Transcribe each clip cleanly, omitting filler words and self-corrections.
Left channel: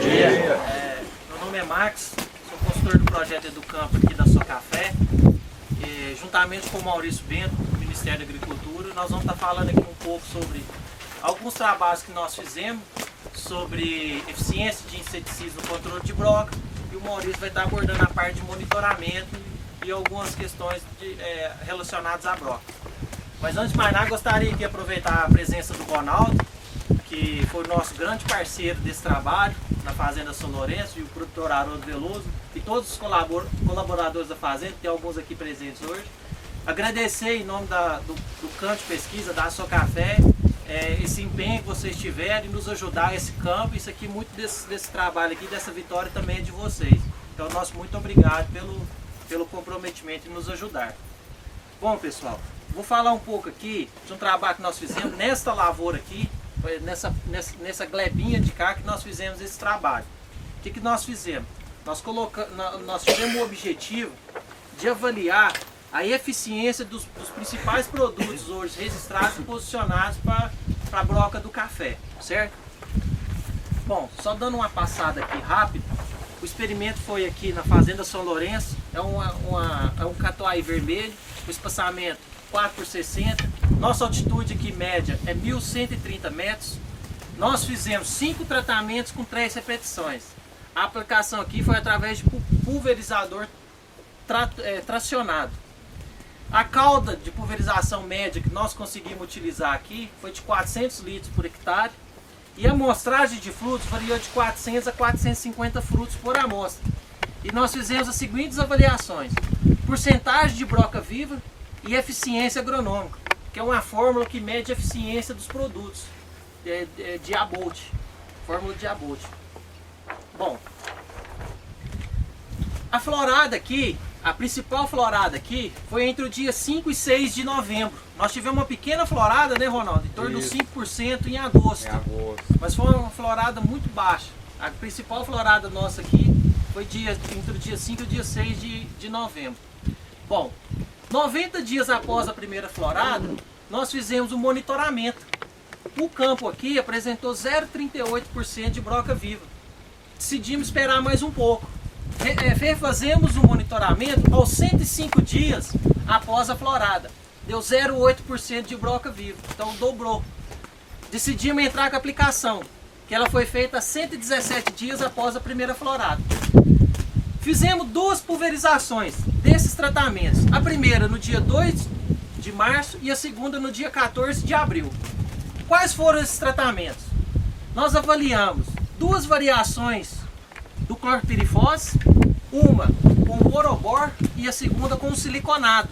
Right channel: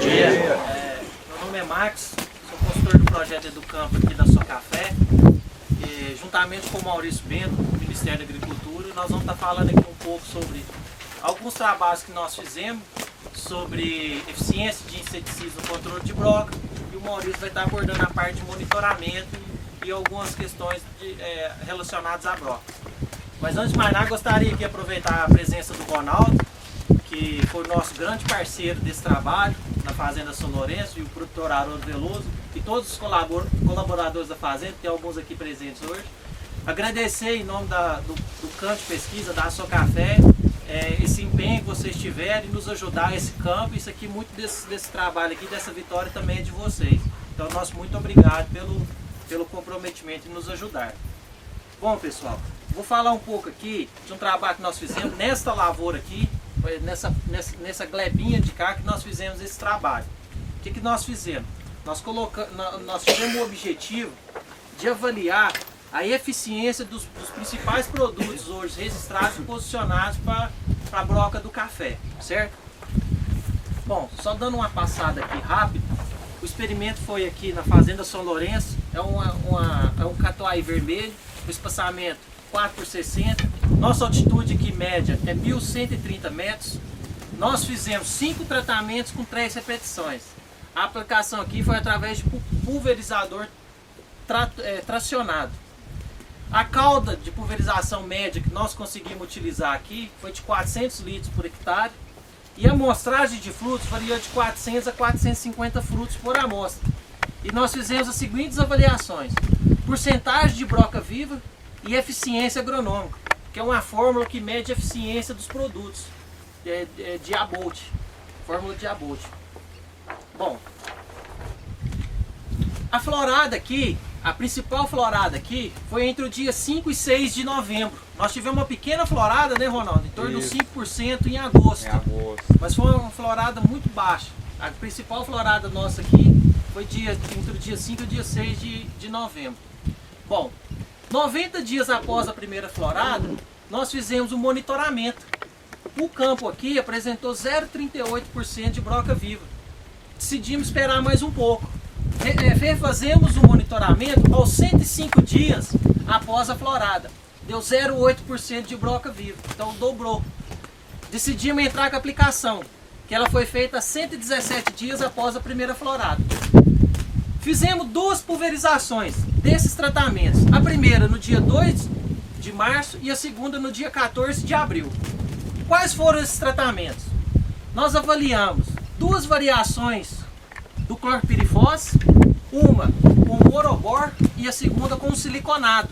dia. Meu nome é Max, sou consultor do projeto Educampo aqui da Socafé. Juntamente com o Maurício Bento, do Ministério da Agricultura, nós vamos estar falando aqui um pouco sobre alguns trabalhos que nós fizemos sobre eficiência de inseticidas no controle de broca, e o Maurício vai estar abordando a parte de monitoramento e algumas questões relacionadas à broca. Mas antes de mais nada, gostaria de aproveitar a presença do Ronaldo, que foi o nosso grande parceiro desse trabalho na Fazenda São Lourenço, e o produtor Haroldo Veloso, e todos os colaboradores da Fazenda, tem alguns aqui presentes hoje. Agradecer em nome do campo de pesquisa da Socafé, esse empenho que vocês tiveram em nos ajudar a esse campo. Isso aqui, muito desse trabalho aqui, dessa vitória também é de vocês. Então, nosso muito obrigado pelo comprometimento em nos ajudar. Bom, pessoal, vou falar um pouco aqui de um trabalho que nós fizemos nesta lavoura aqui, nessa glebinha de cá que nós fizemos esse trabalho. O que nós fizemos? Nós tivemos o objetivo de avaliar a eficiência dos principais produtos hoje registrados e posicionados para a broca do café, certo? Bom, só dando uma passada aqui rápido, o experimento foi aqui na Fazenda São Lourenço, é um catuai vermelho, o espaçamento 4 por 60, nossa altitude aqui média é 1.130 metros, nós fizemos 5 tratamentos com 3 repetições. A aplicação aqui foi através de pulverizador tracionado. A cauda de pulverização média que nós conseguimos utilizar aqui foi de 400 litros por hectare, e a amostragem de frutos variou de 400 a 450 frutos por amostra. E nós fizemos as seguintes avaliações: porcentagem de broca viva e eficiência agronômica, que é uma fórmula que mede a eficiência dos produtos, de Abolt, fórmula de Abolt. Bom, a florada aqui, a principal florada aqui, foi entre o dia 5 e 6 de novembro. Nós tivemos uma pequena florada, né, Ronaldo? Em torno de 5% em agosto. Mas foi uma florada muito baixa. A principal florada nossa aqui foi entre o dia 5 e o dia 6 de novembro. Bom, 90 dias após a primeira florada, nós fizemos um monitoramento. O campo aqui apresentou 0,38% de broca viva. Decidimos esperar mais um pouco. Fazemos o monitoramento aos 105 dias após a florada. Deu 0,8% de broca viva, então dobrou. Decidimos entrar com a aplicação, que ela foi feita 117 dias após a primeira florada. Fizemos 2 pulverizações desses tratamentos. A primeira no dia 2 de março e a segunda no dia 14 de abril. Quais foram esses tratamentos? Nós avaliamos 2 variações do clorpirifos, uma com o morobor e a segunda com o siliconado.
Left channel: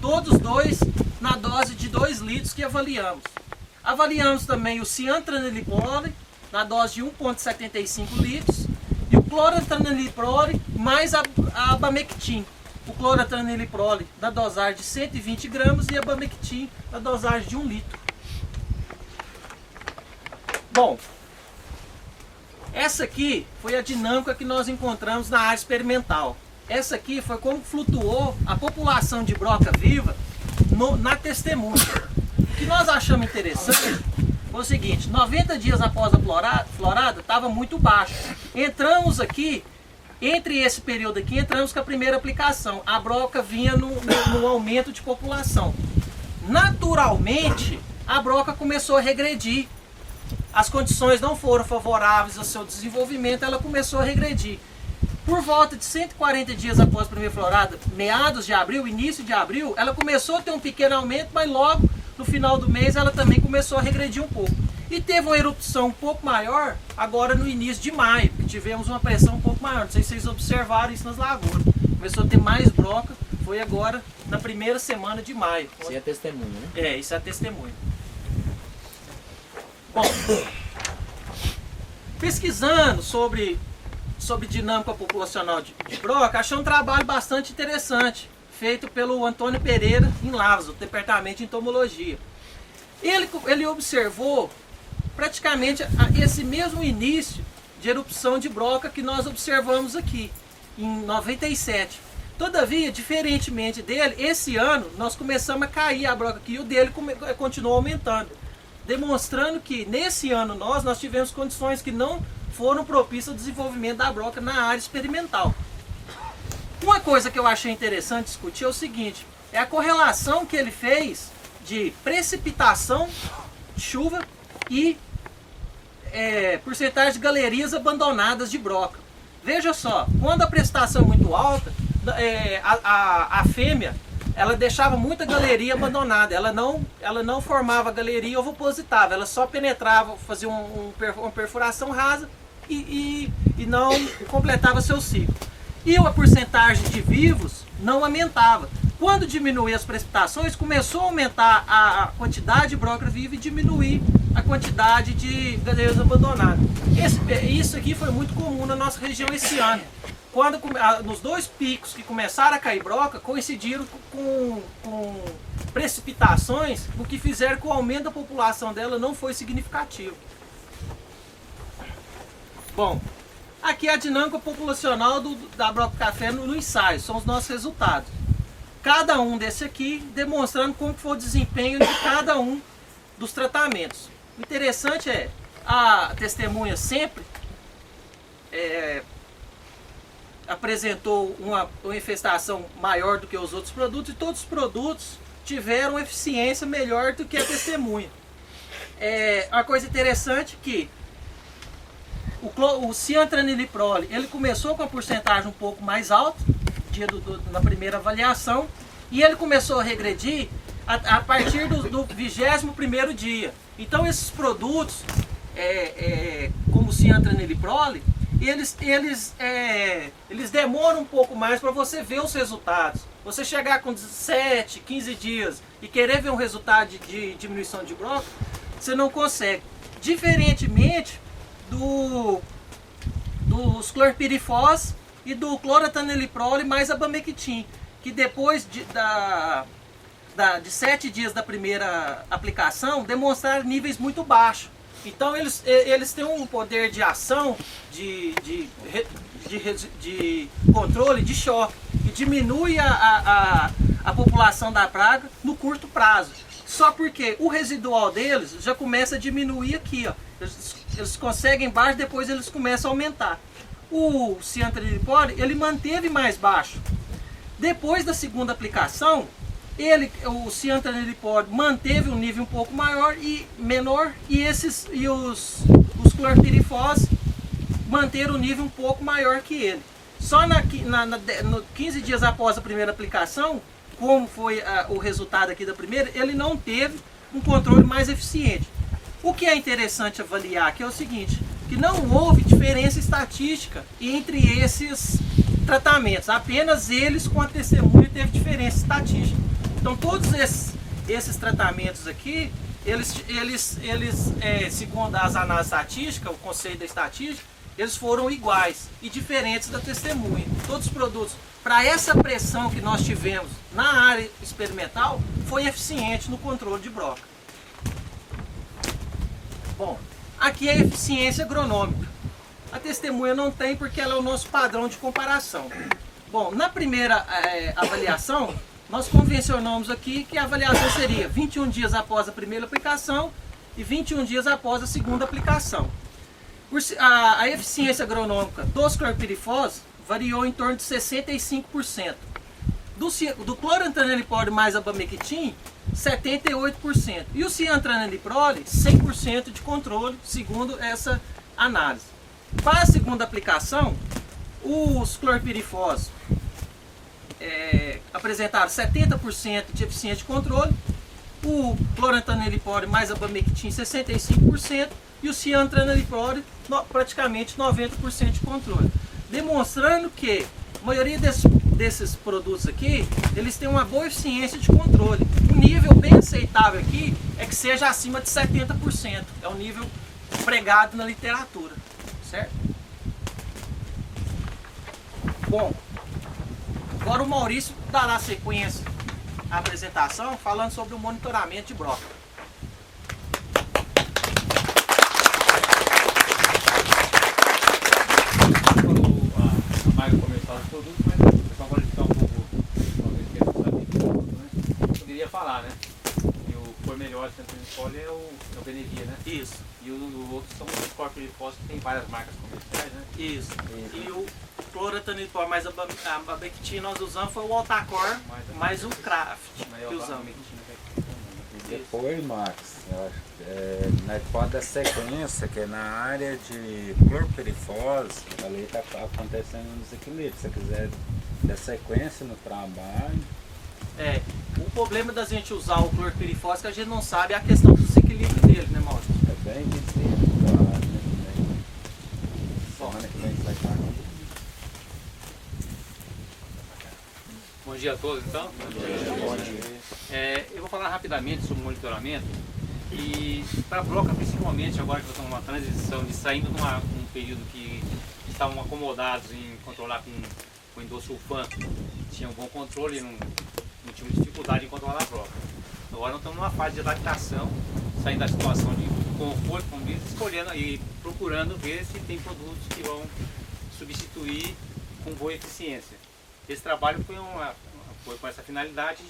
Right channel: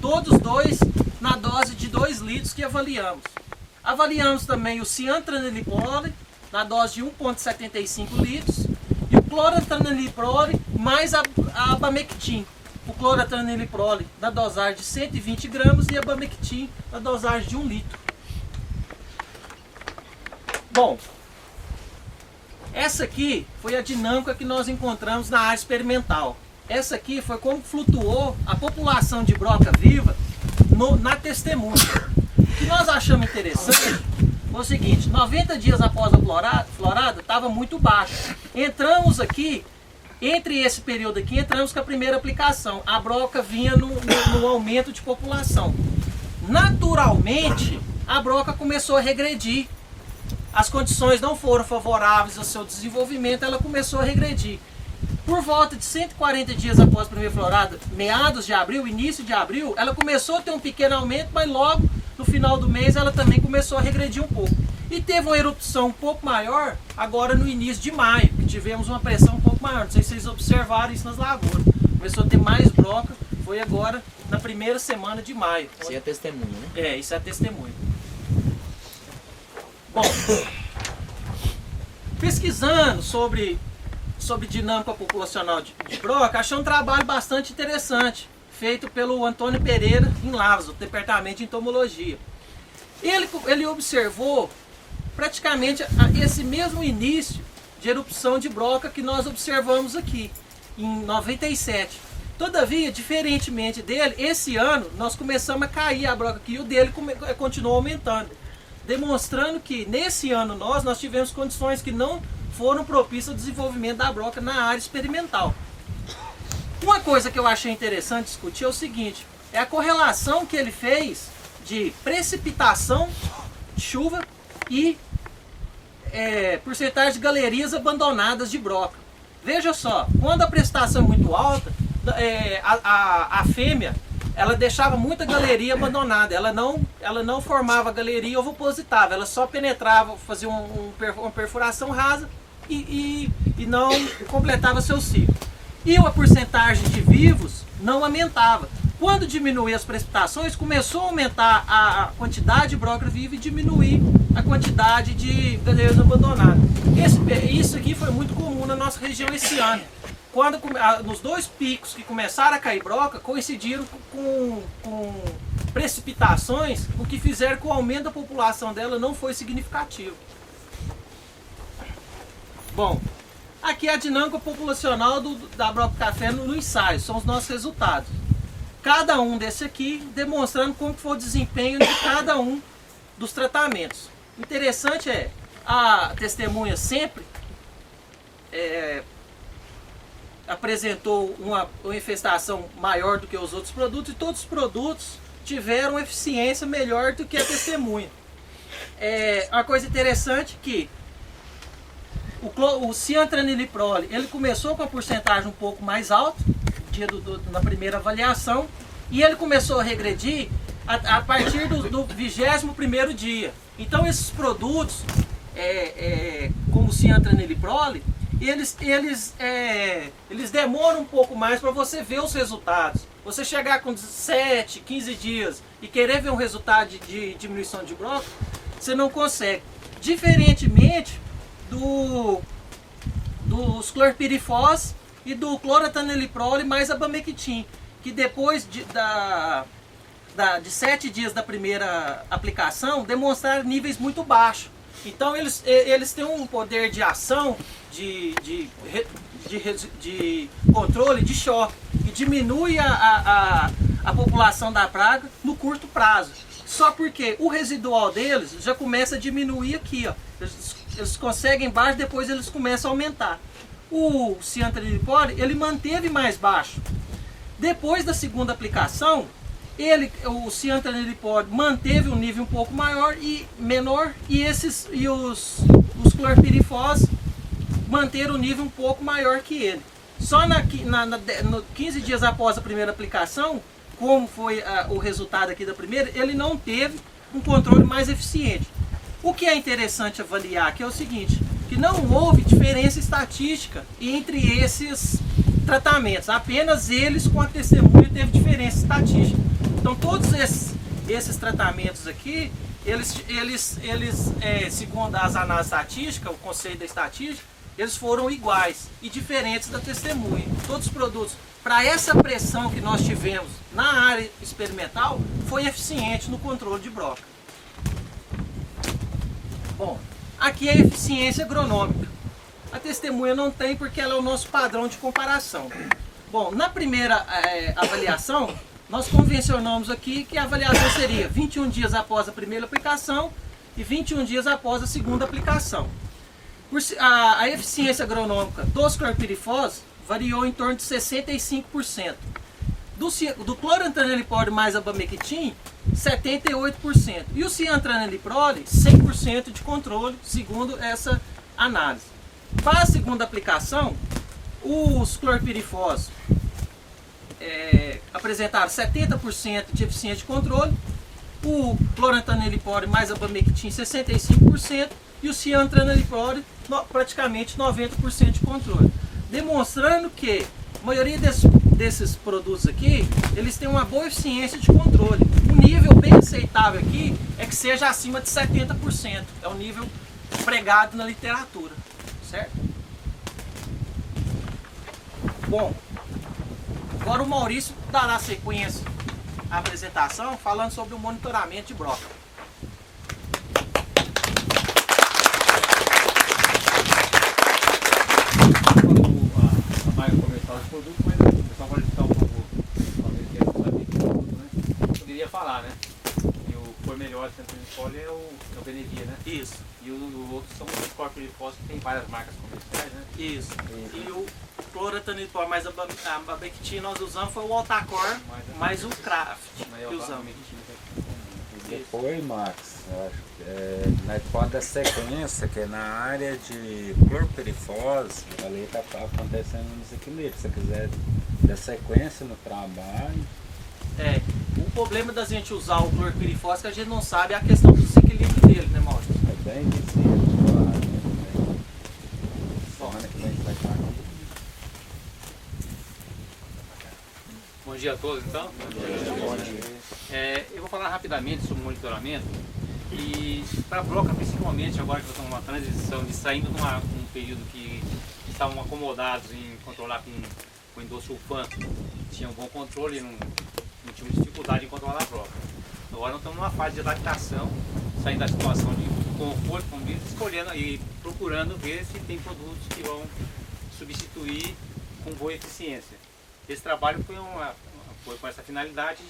Todos 2 na dose de 2 litros que avaliamos. Avaliamos também o ciantraniliprole na dose de 1,75 litros e o clorantraniliprole mais a abamectin. O clorantraniliprole na dosagem de 120 gramas e a abamectin na dosagem de 1 litro. Bom, essa aqui foi a dinâmica que nós encontramos na área experimental. Essa aqui foi como flutuou a população de broca viva na testemunha. O que nós achamos interessante foi o seguinte: 90 dias após a florada estava muito baixo. Entramos aqui, entre esse período aqui, entramos com a primeira aplicação. A broca vinha no aumento de população. Naturalmente, a broca começou a regredir. As condições não foram favoráveis ao seu desenvolvimento, ela começou a regredir. Por volta de 140 dias após a primeira florada, meados de abril, início de abril, ela começou a ter um pequeno aumento, mas logo no final do mês ela também começou a regredir um pouco. E teve uma erupção um pouco maior agora no início de maio, que tivemos uma pressão um pouco maior. Não sei se vocês observaram isso nas lavouras. Começou a ter mais broca, foi agora na primeira semana de maio. Isso é testemunho, né? É, isso é testemunho. Bom, pesquisando sobre dinâmica populacional de broca, achei um trabalho bastante interessante, feito pelo Antônio Pereira em Lavras, do Departamento de Entomologia. Ele observou praticamente esse mesmo início de erupção de broca que nós observamos aqui, em 97. Todavia, diferentemente dele, esse ano nós começamos a cair a broca aqui e o dele continuou aumentando. Demonstrando que nesse ano nós tivemos condições que não foram propícios ao desenvolvimento da broca na área experimental. Uma coisa que eu achei interessante discutir é o seguinte, é a correlação que ele fez de precipitação de chuva e porcentagem de galerias abandonadas de broca. Veja só, quando a precipitação é muito alta, a fêmea ela deixava muita galeria abandonada, ela não formava galeria ovopositável, ela só penetrava, fazia uma perfuração rasa e não completava seu ciclo. E a porcentagem de vivos não aumentava. Quando diminuía as precipitações, começou a aumentar a quantidade de broca viva e diminuir a quantidade de galeiras abandonadas. Isso aqui foi muito comum na nossa região esse ano. Quando nos 2 picos que começaram a cair broca, coincidiram com precipitações, o que fizeram que o aumento da população dela não foi significativo. Bom, aqui é a dinâmica populacional da broca café no ensaio, são os nossos resultados. Cada um desse aqui demonstrando como foi o desempenho de cada um dos tratamentos. O interessante é, a testemunha sempre apresentou uma infestação maior do que os outros produtos e todos os produtos tiveram eficiência melhor do que a testemunha. Uma coisa interessante que o ciantraniliprole, ele começou com a porcentagem um pouco mais alta na primeira avaliação e ele começou a regredir a partir do 21º dia. Então esses produtos, como o ciantraniliprole, eles demoram um pouco mais para você ver os resultados. Você chegar com 7, 15 dias e querer ver um resultado de diminuição de broca, você não consegue. Diferentemente dos clorpirifos e do clorantaniliprole mais abamectin, que depois de 7 dias da primeira aplicação demonstraram níveis muito baixos. Então eles têm um poder de ação, de controle, de choque, que diminui a população da praga no curto prazo. Só porque o residual deles já começa a diminuir aqui, ó. Eles conseguem baixo, depois eles começam a aumentar. O ciantraniliprole, ele manteve mais baixo. Depois da segunda aplicação, o ciantraniliprole manteve um nível um pouco maior e menor, e os clorpirifos manteram um nível um pouco maior que ele. Só no 15 dias após a primeira aplicação, como foi o resultado aqui da primeira, ele não teve um controle mais eficiente. O que é interessante avaliar aqui é o seguinte, que não houve diferença estatística entre esses tratamentos, apenas eles com a testemunha teve diferença estatística. Então todos esses tratamentos aqui, eles segundo as análises estatísticas, o conceito da estatística, eles foram iguais e diferentes da testemunha. Todos os produtos, para essa pressão que nós tivemos na área experimental, foi eficiente no controle de broca. Bom, aqui é a eficiência agronômica. A testemunha não tem porque ela é o nosso padrão de comparação. Bom, na primeira avaliação, nós convencionamos aqui que a avaliação seria 21 dias após a primeira aplicação e 21 dias após a segunda aplicação. A eficiência agronômica dos clorpirifos variou em torno de 65%. Do clorantaniliprole mais abamectin, 78%. E o ciantraniliprole, 100% de controle, segundo essa análise. Para a segunda aplicação, os clorpirifos apresentaram 70% de eficiência de controle, o clorantaniliprole mais abamectin 65% e o ciantraniliprole praticamente 90% de controle. Demonstrando que a maioria desses produtos aqui, eles têm uma boa eficiência de controle. Um nível bem aceitável aqui é que seja acima de 70%. É o nível pregado na literatura, certo? Bom, agora o Maurício dará sequência à apresentação falando sobre o monitoramento de broca. A Maia começou os produtos, mas o pessoal pode ficar um pouco, talvez queira saber de produto, né? Eu poderia falar, né? E o que foi melhor sempre no é o Benevia, né? Isso. E o outro são os clorpirifósforo, que tem várias marcas comerciais, né? Isso. E o cloretanilpor mais a barbectina nós usamos foi o Altacor mais o Craft que usamos. E depois, Max, eu acho que nós pode dar sequência, que é na área de clorpirifose, ali está acontecendo um desequilíbrio. Se você quiser dar sequência no trabalho. O problema da gente usar o clorpirifose que a gente não sabe é a questão do desequilíbrio dele, né, Maurício? É bem visível, claro, né? Semana que vem você vai estar aqui. Bom dia a todos, então. Bom dia. Eu vou falar rapidamente sobre o monitoramento. E para a broca, principalmente agora que nós estamos numa transição de saindo de um período que estavam acomodados em controlar com endosulfan, tinha um bom controle e não tinha dificuldade em controlar a broca. Agora nós estamos numa fase de adaptação, saindo da situação de conforto, como diz, escolhendo e procurando ver se tem produtos que vão substituir com boa eficiência. Esse trabalho foi com essa finalidade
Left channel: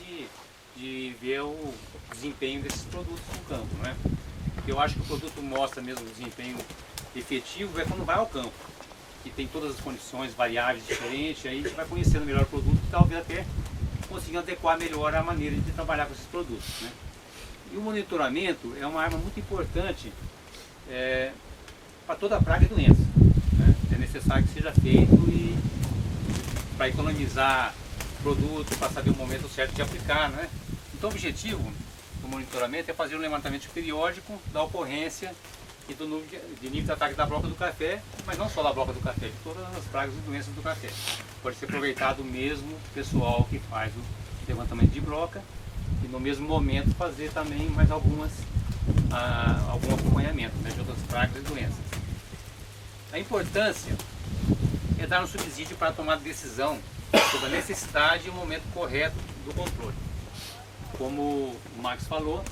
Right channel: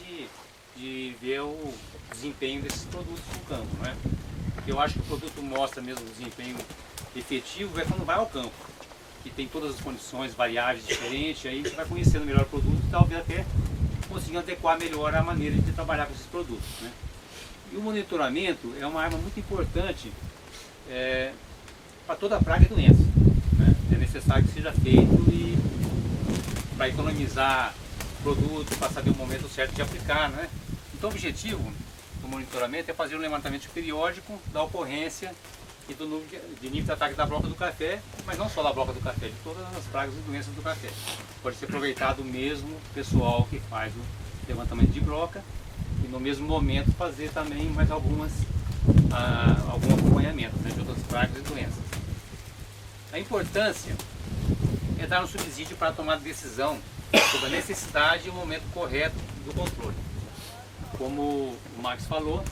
de ver o desempenho desses produtos no campo, né? Porque eu acho que o produto mostra mesmo o desempenho efetivo é quando vai ao campo, que tem todas as condições variáveis diferentes, aí a gente vai conhecendo melhor o produto e talvez até conseguindo adequar melhor a maneira de trabalhar com esses produtos, né? E o monitoramento é uma arma muito importante para toda praga e doença, né? É necessário que seja feito e para economizar produto, para saber o momento certo de aplicar, né? Então o objetivo do monitoramento é fazer um levantamento periódico da ocorrência e do nível de ataque da broca do café, mas não só da broca do café, de todas as pragas e doenças do café. Pode ser aproveitado o mesmo pessoal que faz o levantamento de broca e no mesmo momento fazer também mais algum acompanhamento, né, de outras pragas e doenças. A importância é dar um subsídio para tomar decisão sobre a necessidade e o momento correto do controle. Como o Max falou,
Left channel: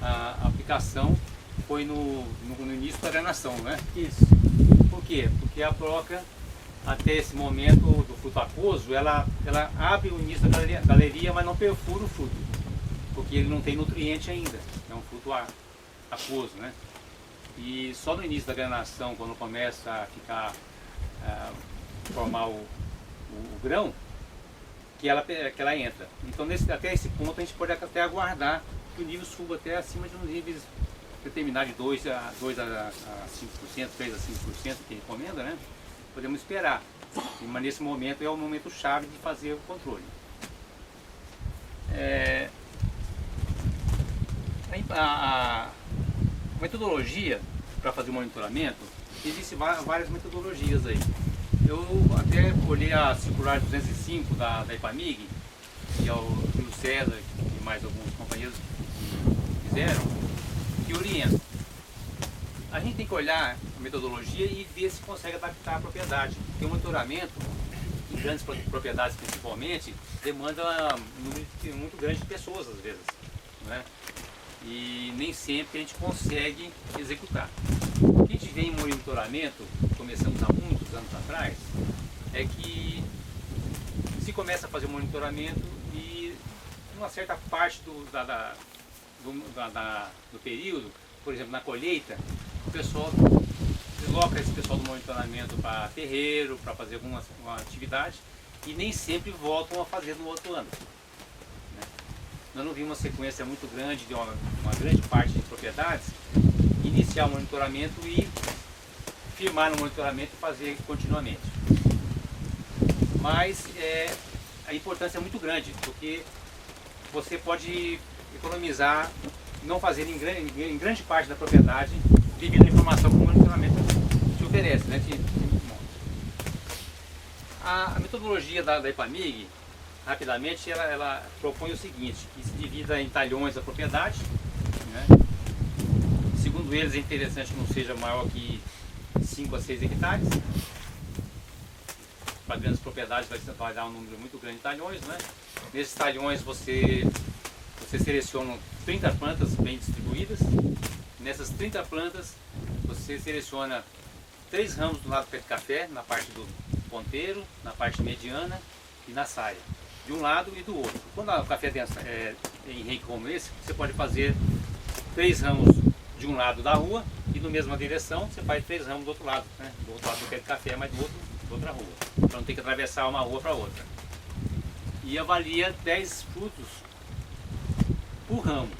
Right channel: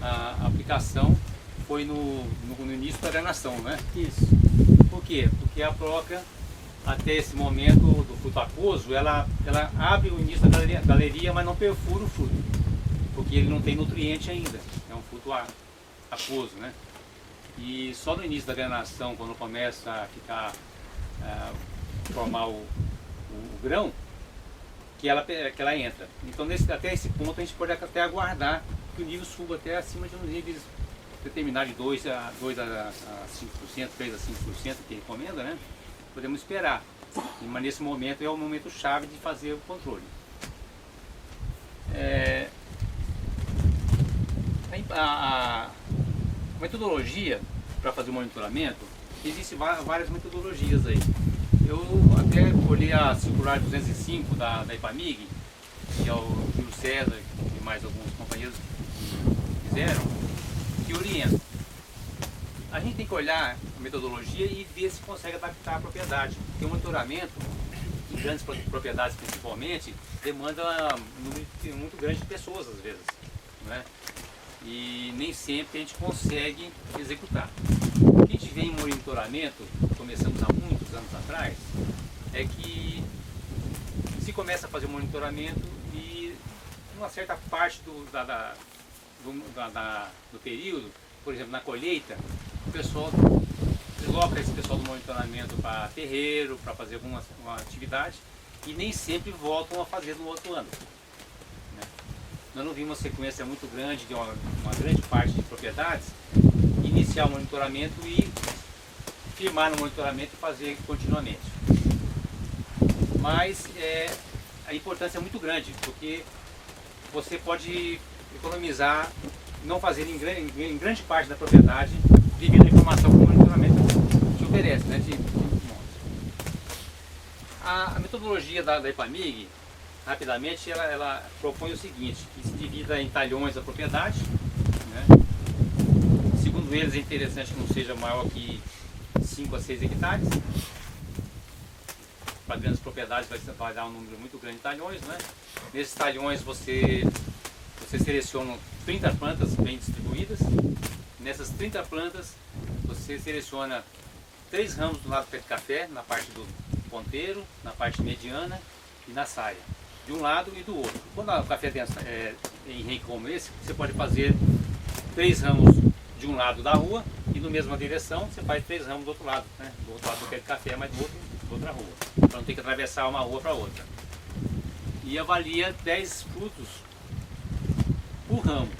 a aplicação foi no início da granação, né? Isso. Por quê? Porque a broca, até esse momento do fruto aquoso, ela abre o início da galeria, mas não perfura o fruto, porque ele não tem nutriente ainda, é um fruto aquoso, né? E só no início da granação, quando começa a ficar, formar o grão, que ela entra. Então até esse ponto a gente pode até aguardar que o nível suba até acima de uns níveis determinados de 2 a 5%, 3 a 5% que recomenda, né? Podemos esperar. Mas nesse momento é o momento chave de fazer o controle. A metodologia para fazer o monitoramento, existem várias metodologias aí. Eu até olhei a circular 205 da IPAMIG, que é o Júlio César e mais alguns companheiros que fizeram, que orientam. A gente tem que olhar a metodologia e ver se consegue adaptar a propriedade. Porque o monitoramento, em grandes propriedades principalmente, demanda um número muito grande de pessoas às vezes, né? E nem sempre a gente consegue executar. O que a gente vê em monitoramento, começamos há muitos anos atrás, é que se começa a fazer o monitoramento e uma certa parte do período, por exemplo, na colheita, o pessoal desloca esse pessoal do monitoramento para terreiro, para fazer uma atividade e nem sempre voltam a fazer no outro ano, né? Nós não vimos uma sequência muito grande de uma grande parte de propriedades iniciar o monitoramento e firmar no monitoramento e fazer continuamente. Mas a importância é muito grande, porque você pode economizar, não fazer em grande parte da propriedade devido à informação que o monitoramento te oferece, né? A metodologia da IPAMIG, rapidamente, ela propõe o seguinte, que se divida em talhões a propriedade, né? Segundo eles, é interessante que não seja maior que 5 a 6 hectares. Para grandes propriedades vai dar um número muito grande de talhões, né? Nesses talhões você seleciona 30 plantas bem distribuídas. Nessas 30 plantas você seleciona 3 ramos do lado do pé de café, na parte do ponteiro, na parte mediana e na saia, de um lado e do outro. Quando o café é em rei como esse, você pode fazer 3 ramos de um lado da rua E na mesma direção você faz 3 ramos do outro lado, né? Do outro lado do pé de café, mas da outra rua. Para não ter que atravessar uma rua para outra. E avalia 10 frutos por ramo.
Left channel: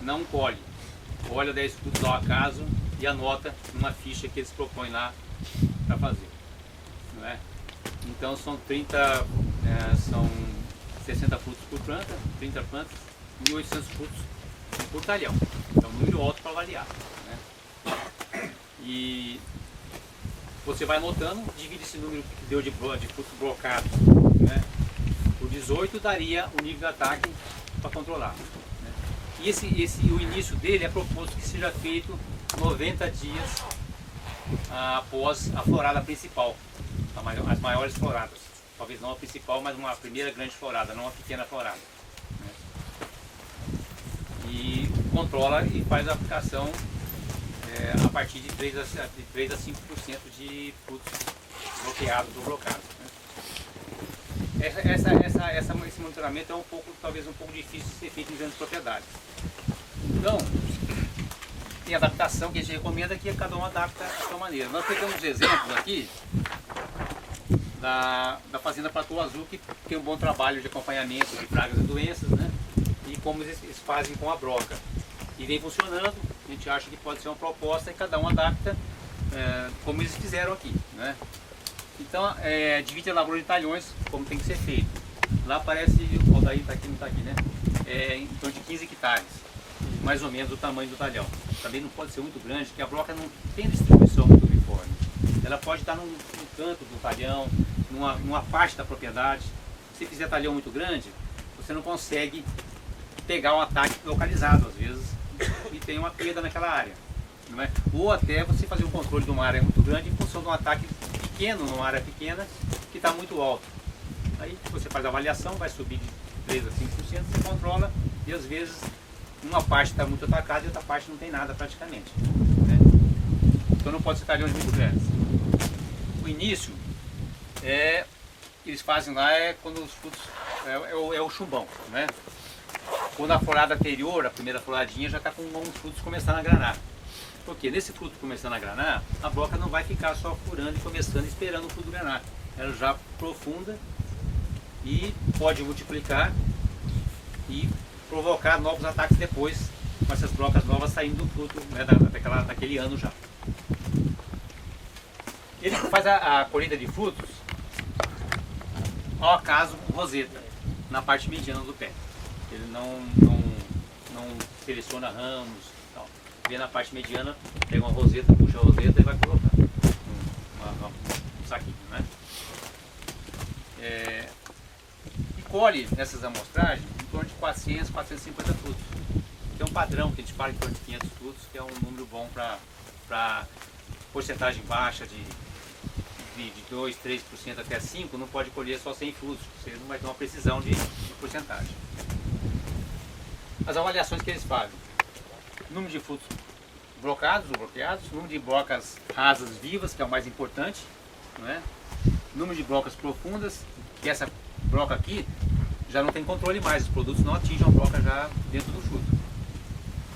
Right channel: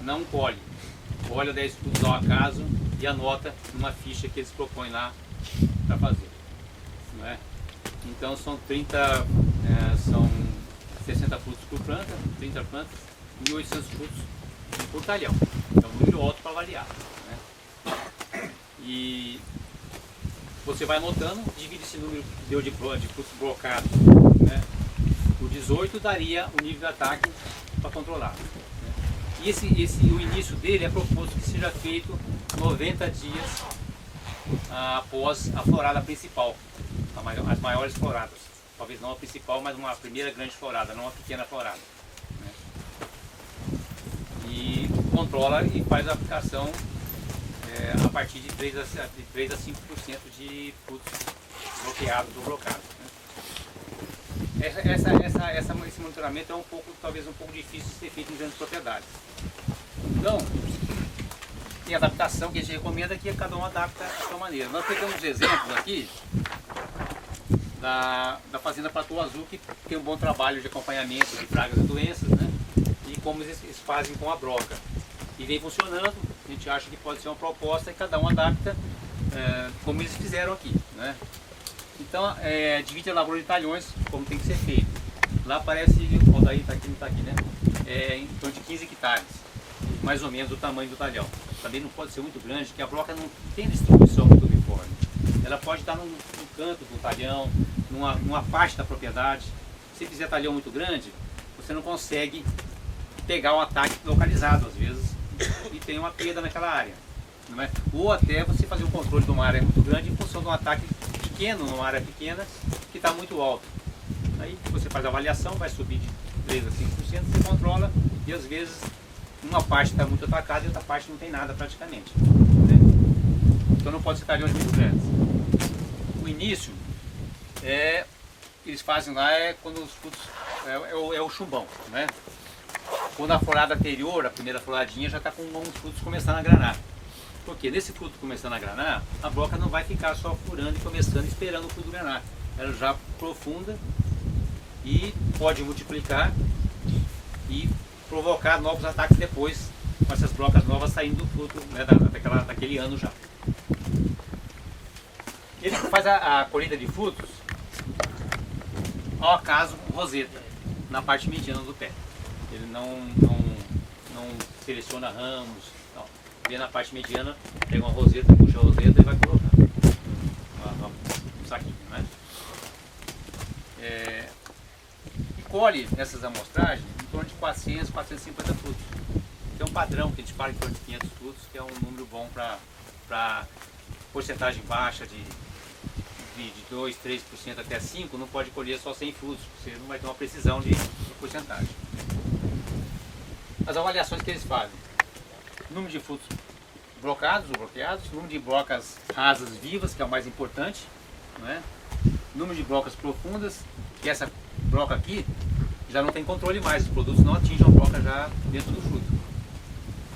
Não colhe. Olha 10 frutos ao acaso e anota numa ficha que eles propõem lá para fazer. Não é? Então são 60 frutos por planta, 30 plantas, 1.800 frutos por talhão. É um número alto para avaliar. Né? E você vai anotando, divide esse número que deu de frutos blocados, né? Por 18 daria o nível de ataque para controlar. Né? E o início dele é proposto que seja feito 90 dias após a florada principal, as maiores floradas. Talvez não a principal, mas uma primeira grande florada, não uma pequena florada. Né? E controla e faz a aplicação a partir de 3 a 5% de frutos bloqueados ou blocados. Né? Esse monitoramento é talvez um pouco difícil de ser feito em grandes propriedades. Então, tem adaptação que a gente recomenda que cada um adapta a sua maneira. Nós pegamos exemplos aqui da Fazenda Platô Azul, que tem um bom trabalho de acompanhamento de pragas e doenças, né? E como eles fazem com a broca. E vem funcionando, a gente acha que pode ser uma proposta e cada um adapta como eles fizeram aqui. Né? Então, divide a lavoura de talhões como tem que ser feito. Lá parece, o daí está aqui, não está aqui, né? Em torno de 15 hectares, mais ou menos o tamanho do talhão. Também não pode ser muito grande, porque a broca não tem distribuição muito uniforme. Ela pode estar num canto do talhão, numa parte da propriedade. Se fizer talhão muito grande, você não consegue pegar um ataque localizado, às vezes, e tem uma perda naquela área. Não é? Ou até você fazer o controle de uma área muito grande em função de um ataque pequeno, numa área pequena, que está muito alto. Aí você faz a avaliação, vai subir de 3 a 5%, você controla, e às vezes uma parte está muito atacada e outra parte não tem nada praticamente. Né? Então não pode ser talhões muito grandes. O início eles fazem lá quando os frutos é o chumbão, né? Quando a florada anterior, a primeira floradinha, já está com uns frutos começando a granar. Porque nesse fruto começando a granar, a broca não vai ficar só furando e começando esperando o fruto granar. Ela já aprofunda e pode multiplicar e provocar novos ataques depois, com essas brocas novas saindo do fruto, né, daquele ano já. Ele faz a colheita de frutos, ao acaso, roseta, na parte mediana do pé. Ele não seleciona ramos, tal. Vê na parte mediana, pega uma roseta, puxa a roseta e vai colocar um saquinho, né? E colhe nessas amostragens em torno de 400, 450 frutos. Que é um padrão que a gente fala em torno de 500 frutos, que é um número bom para porcentagem baixa de 2, 3% até 5%, não pode colher só 100 frutos, você não vai ter uma precisão de porcentagem. As avaliações que eles fazem: número de frutos blocados ou bloqueados, número de brocas rasas vivas, que é o mais importante, não é? Número de brocas profundas, que essa broca aqui já não tem controle mais, os produtos não atingem a broca já dentro do fruto.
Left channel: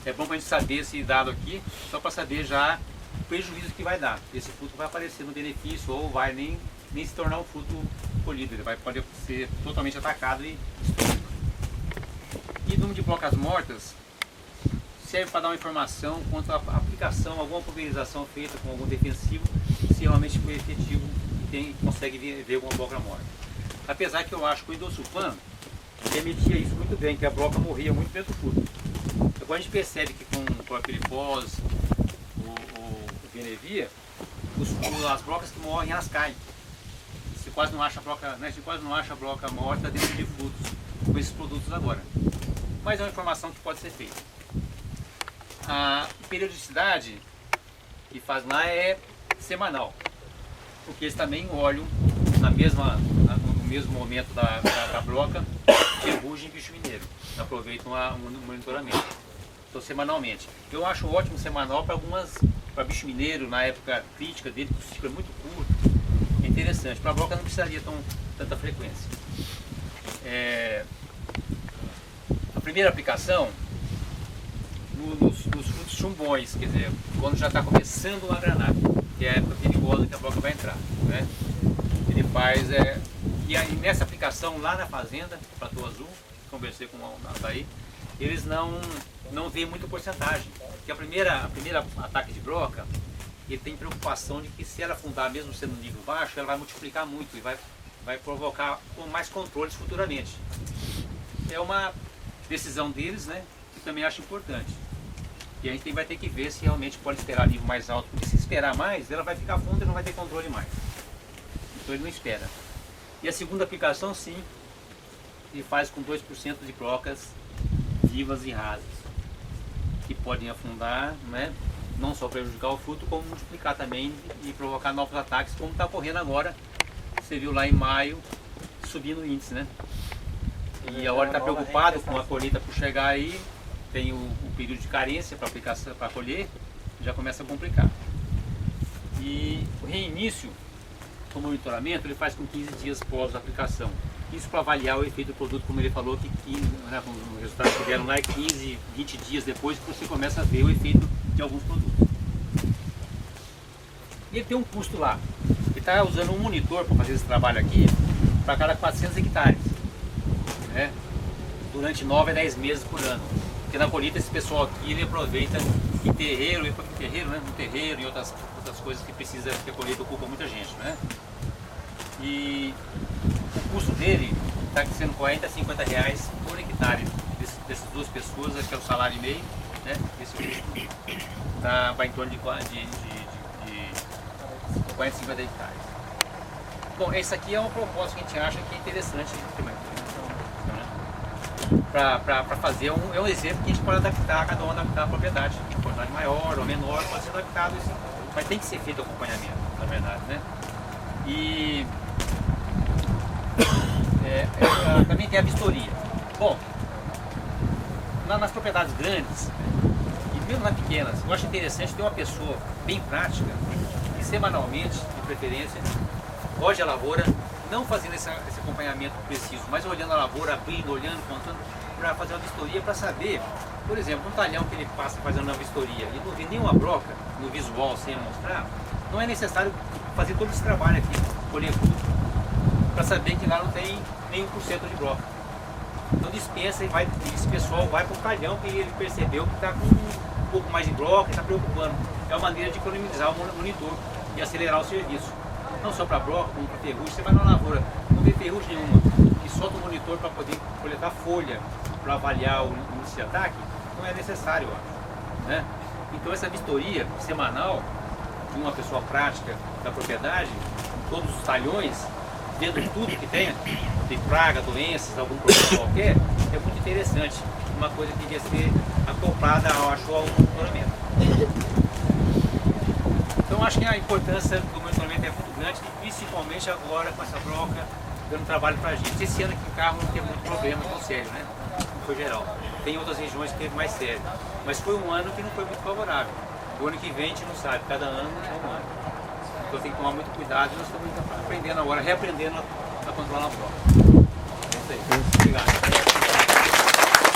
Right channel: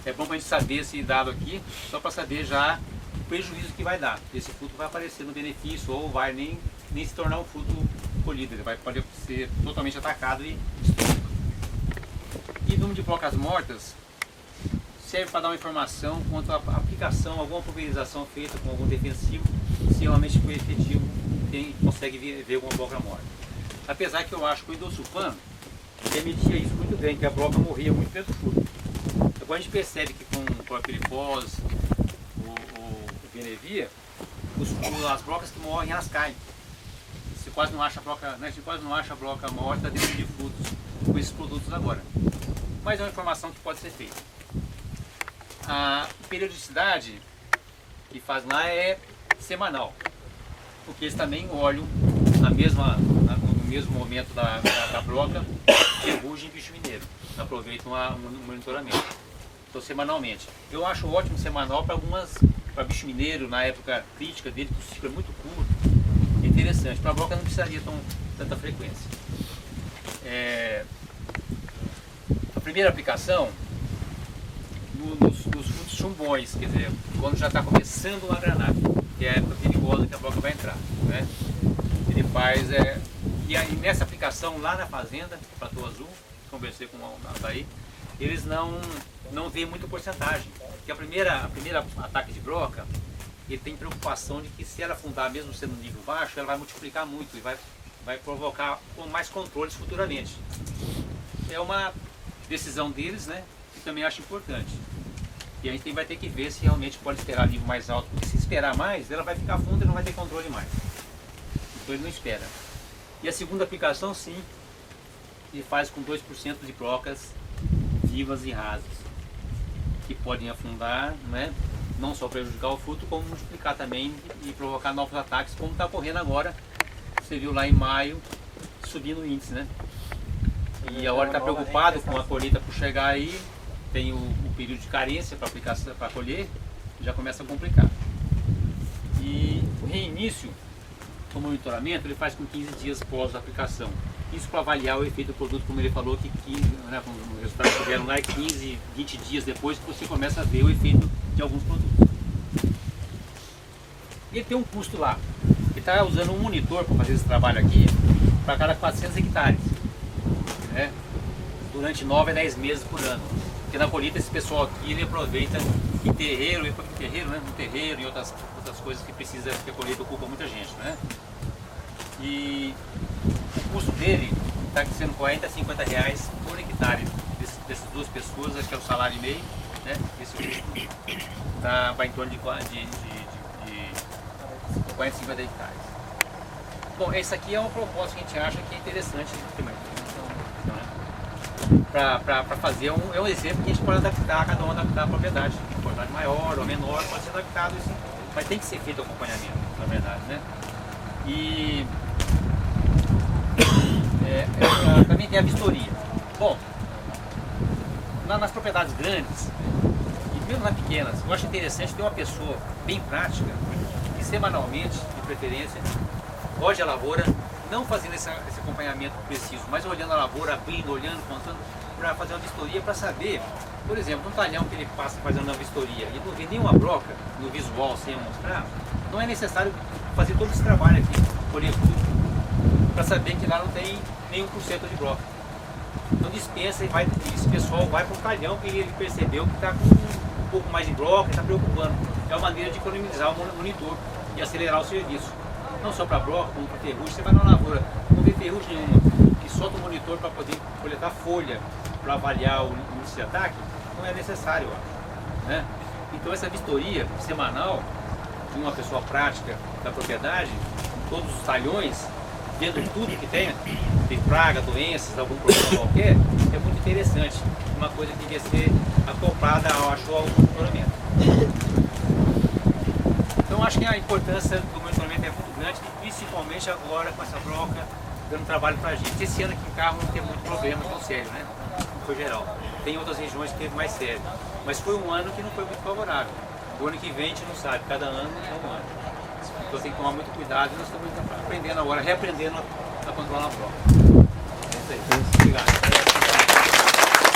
É bom para a gente saber esse dado aqui, só para saber já o prejuízo que vai dar. Esse fruto vai aparecer no benefício ou vai nem se tornar um fruto colhido, ele pode ser totalmente atacado e destruído. E número de brocas mortas serve para dar uma informação quanto à aplicação, alguma pulverização feita com algum defensivo, se realmente foi efetivo, consegue ver alguma broca morta. Apesar que eu acho que o Indossulfan permitia isso muito bem, que a broca morria muito dentro do fruto. Agora a gente percebe que com o clorpirifos, o Benevia, as brocas que morrem, elas caem. Você quase não acha a broca, né? Você quase não acha a broca morta dentro de frutos com esses produtos agora. Mas é uma informação que pode ser feita. A periodicidade que faz lá é semanal, porque eles também olham no mesmo momento da broca, ferrugem e bicho mineiro, aproveitam um monitoramento. Então semanalmente. Eu acho ótimo semanal para bicho mineiro, na época crítica dele, que o ciclo é muito curto, é interessante. Para a broca não precisaria tanta frequência. A primeira aplicação nos frutos chumbões, quer dizer, quando já está começando a granar, que é a época perigosa que a broca vai entrar, né? Ele faz, e aí nessa aplicação lá na fazenda, Platô Azul, conversei com o Nataí, eles não veem muita porcentagem, porque a primeira ataque de broca, ele tem preocupação de que se ela afundar mesmo sendo um nível baixo, ela vai multiplicar muito e vai provocar mais controles futuramente. É uma decisão deles, né, que também acho importante. E a gente vai ter que ver se realmente pode esperar nível mais alto, porque se esperar mais, ela vai ficar funda e não vai ter controle mais. Então ele não espera. E a segunda aplicação, sim, ele faz com 2% de brocas vivas e rasas, que podem afundar, né, não só prejudicar o fruto, como multiplicar também e provocar novos ataques, como está ocorrendo agora. Você viu lá em maio, subindo o índice, né? E agora está preocupado com a colheita por chegar aí, tem o período de carência para aplicar, para colher, já começa a complicar. E o reinício do monitoramento ele faz com 15 dias pós a aplicação. Isso para avaliar o efeito do produto, como ele falou, que 15, né, o resultado que vieram lá é 15, 20 dias depois que você começa a ver o efeito de alguns produtos. E ele tem um custo lá. Ele está usando um monitor para fazer esse trabalho aqui para cada 400 hectares. Né? Durante 9 a 10 meses por ano. Porque na colheita esse pessoal aqui ele aproveita em terreiro, né? No terreiro e outras coisas que precisa, que a colheita ocupa muita gente. Né? E o custo dele está sendo 40 a 50 reais por hectare dessas duas pessoas, acho que é o salário e meio, né? Esse custo vai em torno de 40 a 50 hectares. Bom, esse aqui é uma proposta que a gente acha que é interessante para fazer, é um exemplo que a gente pode adaptar, cada um adaptar a propriedade, uma propriedade maior ou menor, pode ser adaptado, assim, mas tem que ser feito o acompanhamento, na verdade, né? E também tem a vistoria. Bom, nas propriedades grandes e mesmo nas pequenas, eu acho interessante ter uma pessoa bem prática e semanalmente, de preferência, hoje a lavoura, não fazendo esse acompanhamento preciso, mas olhando a lavoura, abrindo, olhando, contando, para fazer uma vistoria, para saber, por exemplo, um talhão que ele passa fazendo uma vistoria e não vê nenhuma broca no visual sem mostrar, não é necessário fazer todo esse trabalho aqui, colher tudo, para saber que lá não tem nem 1% de broca. Então dispensa e esse pessoal vai para um talhão que ele percebeu que está com um pouco mais de broca e está preocupando. É uma maneira de economizar o monitor e acelerar o serviço. Não só para broca, como para ferrugem. Você vai na lavoura, não vê ferrugem nenhuma e solta o monitor para poder coletar folha para avaliar o índice de ataque, não é necessário, eu acho. Né? Então essa vistoria semanal de uma pessoa prática da propriedade, em todos os talhões, vendo tudo que tem praga, doenças, algum problema qualquer, é muito interessante. Uma coisa que devia ser acoplada, eu acho, ao monitoramento. Então acho que a importância do monitoramento é muito grande, principalmente agora com essa broca dando trabalho para a gente. Esse ano aqui em Carmo não teve muito problema tão sério, né? Não foi geral. Tem outras regiões que teve mais sério. Mas foi um ano que não foi muito favorável. O ano que vem a gente não sabe, cada ano é um ano. Então tem que tomar muito cuidado e nós estamos aprendendo agora, reaprendendo a controlar a broca. É isso aí. Obrigado.